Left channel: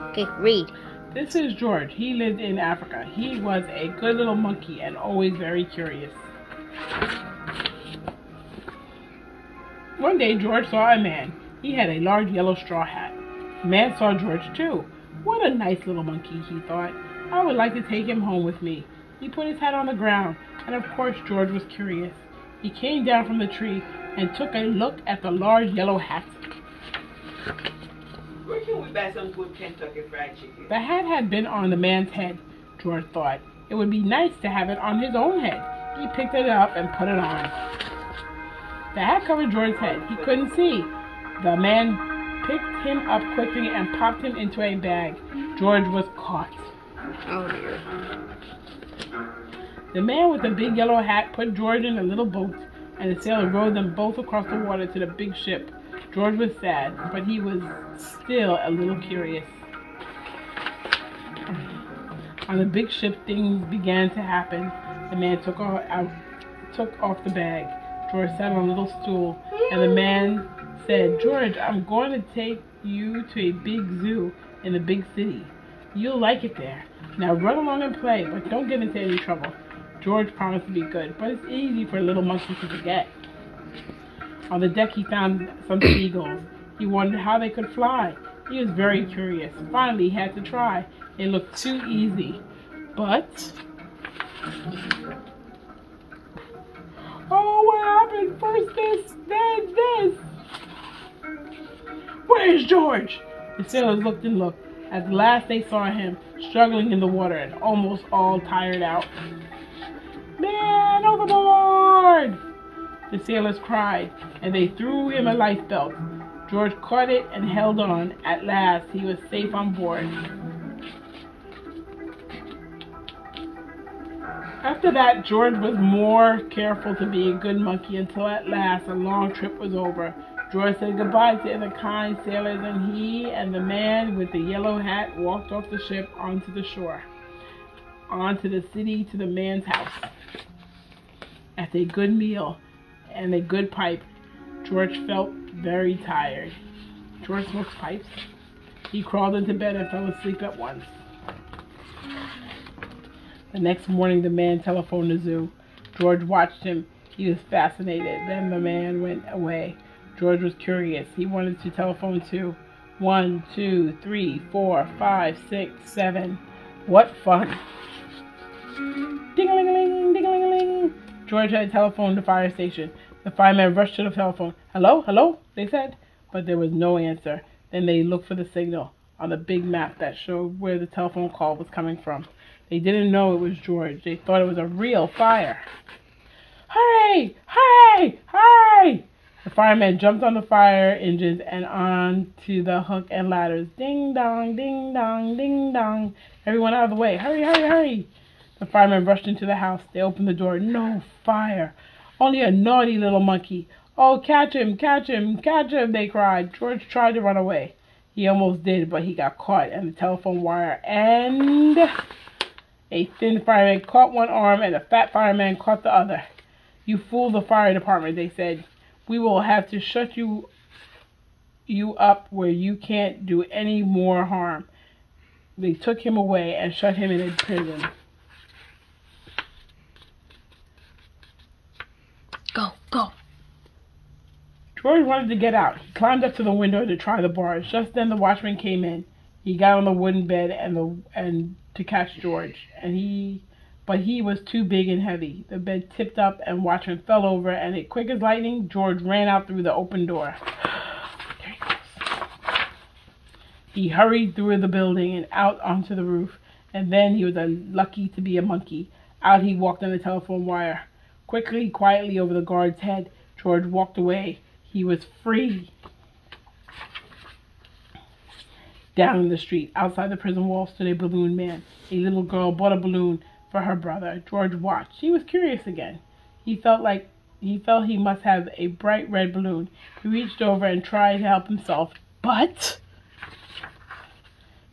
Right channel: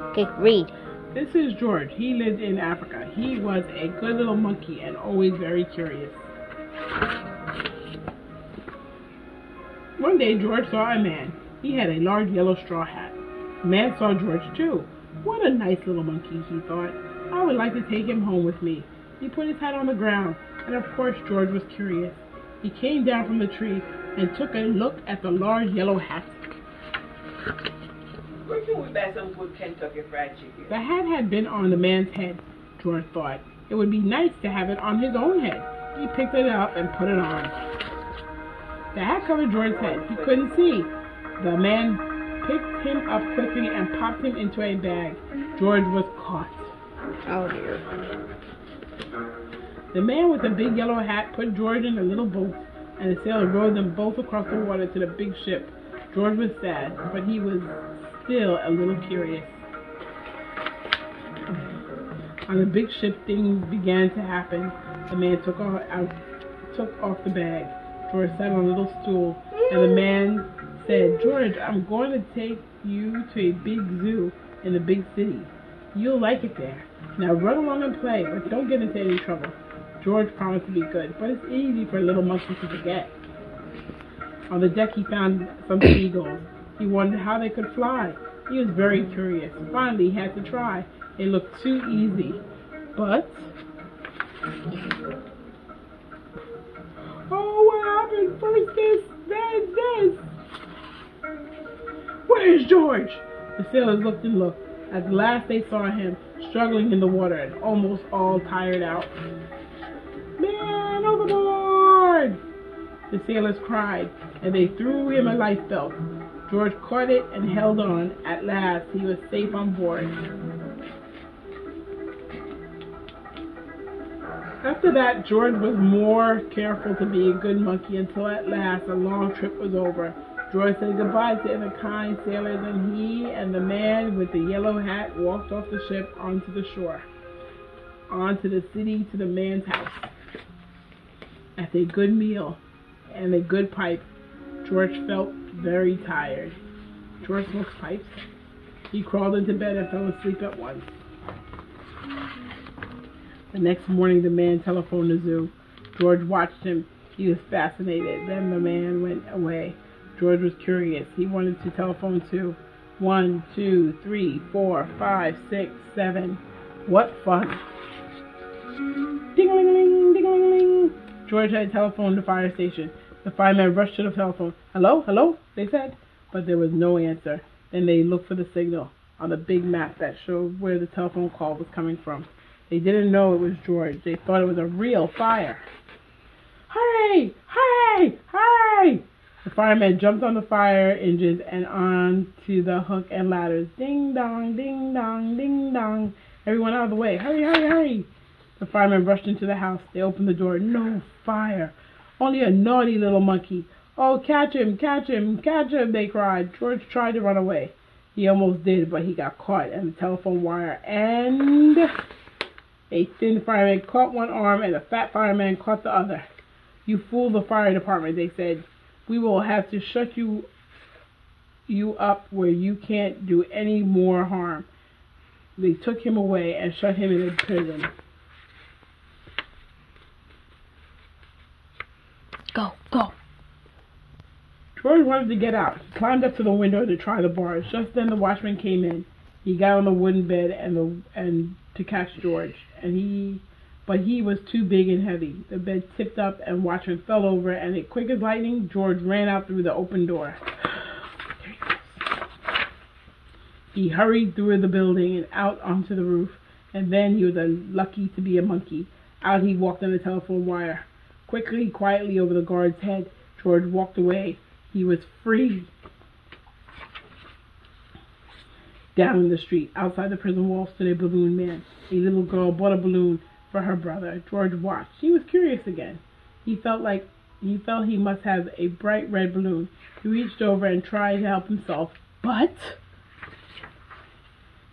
Okay, read. This is George. He lived in Africa. He was a good little monkey and always very curious. One day, George saw a man. He had a large yellow straw hat. The man saw George too. What a nice little monkey, he thought. I would like to take him home with me. He put his hat on the ground, and of course George was curious. He came down from the tree and took a look at the large yellow hat. Where can we buy some good Kentucky Fried Chicken? The hat had been on the man's head, George thought. It would be nice to have it on his own head. He picked it up and put it on. The hat covered George's head. He couldn't see. The man picked him up quickly and popped him into a bag. George was caught. Oh dear. The man with the big yellow hat put George in a little boat, and the sailor rowed them both across the water to the big ship. George was sad, but he was still a little curious. On the big ship, things began to happen. The man took off the bag. George sat on a little stool, and the man said, "George, I'm going to take you to a big zoo in the big city. You'll like it there. Now run along and play, but don't get into any trouble." George promised to be good, but it's easy for a little monkey to forget. On the deck, he found some seagulls. He wondered how they could fly. He was very curious. Finally, he had to try. It looked too easy. But... oh, what happened? First this, then this. Where's George? The sailors looked and looked. At last they saw him, struggling in the water and almost all tired out. "Man overboard!" The sailors cried, and they threw him a lifebelt. George caught it and held on. At last, he was safe on board. After that, George was more careful to be a good monkey until at last a long trip was over. George said goodbye to the kind sailors, and he and the man with the yellow hat walked off the ship onto the shore, onto the city to the man's house. After a good meal and a good pipe, George felt very tired. George smoked pipes. He crawled into bed and fell asleep at once. The next morning, the man telephoned the zoo. George watched him. He was fascinated. Then the man went away. George was curious. He wanted to telephone to 1, 2, 3, 4, 5, 6, 7. What fun! Ding-a-ling-a-ling, ding-a-ling-a-ling. George had telephoned the fire station. The firemen rushed to the telephone. "Hello, hello," they said, but there was no answer. Then they looked for the signal on the big map that showed where the telephone call was coming from. They didn't know it was George. They thought it was a real fire. "Hurry! Hurry! Hurry!" The firemen jumped on the fire engines and onto the hook and ladders. Ding dong, ding dong, ding dong. Everyone out of the way. Hurry, hurry, hurry. The firemen rushed into the house. They opened the door. No fire. Only a naughty little monkey. "Oh, catch him, catch him, catch him," they cried. George tried to run away. He almost did, but he got caught in the telephone wire, and a thin fireman caught one arm and a fat fireman caught the other. "You fooled the fire department," they said. "We will have to shut you up where you can't do any more harm." They took him away and shut him in a prison. Go, go. George wanted to get out. He climbed up to the window to try the bars. Just then the watchman came in. He got on the wooden bed and to catch George, but he was too big and heavy. The bed tipped up and watchman fell over, and quick as lightning, George ran out through the open door. He hurried through the building and out onto the roof, and then he was lucky to be a monkey. Out he walked on the telephone wire. Quickly, quietly over the guard's head, George walked away. He was free. Down in the street, outside the prison wall, stood a balloon man. A little girl bought a balloon for her brother. George watched. He was curious again. He felt he must have a bright red balloon. He reached over and tried to help himself, but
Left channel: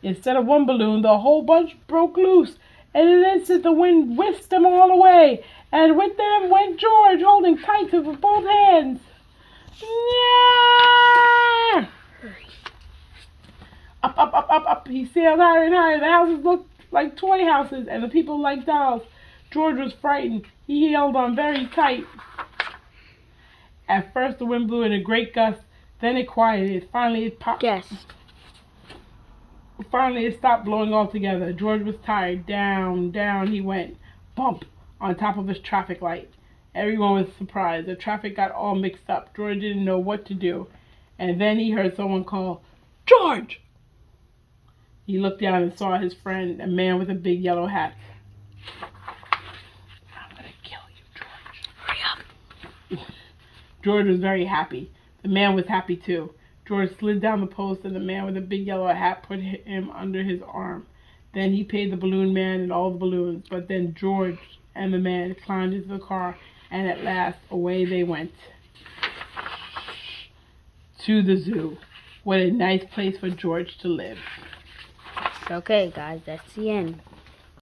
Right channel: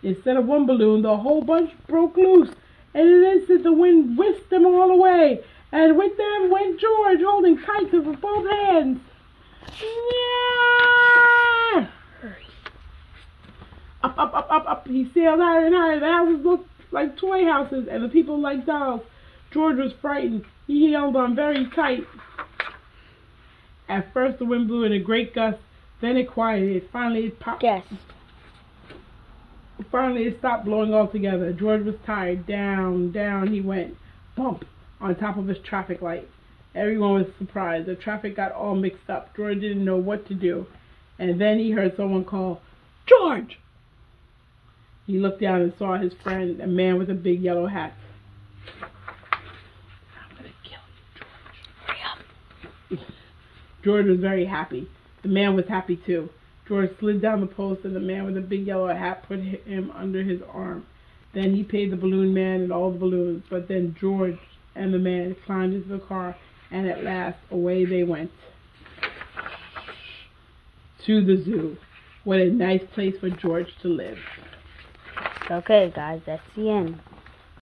instead of one balloon, the whole bunch broke loose. In an instant, the wind whisked them all away, and with them went George, holding tight with both hands. Yeah! Hurry. A up. He sailed higher and higher. The houses looked like toy houses, and the people like dolls. George was frightened. He held on very tight. At first, the wind blew in a great gust. Then it quieted. Finally, it popped. Finally, it stopped blowing altogether. George was tired. Down, down he went. Bump! On top of his traffic light. Everyone was surprised. The traffic got all mixed up. George didn't know what to do. And then he heard someone call, "George!" He looked down and saw his friend, a man with a big yellow hat. "I'm going to kill you, George. Hurry up." George was very happy. The man was happy too. George slid down the post and the man with the big yellow hat put him under his arm. Then he paid the balloon man and all the balloons. But then George and the man climbed into the car, and at last away they went. To the zoo. What a nice place for George to live. Okay, guys, that's the end.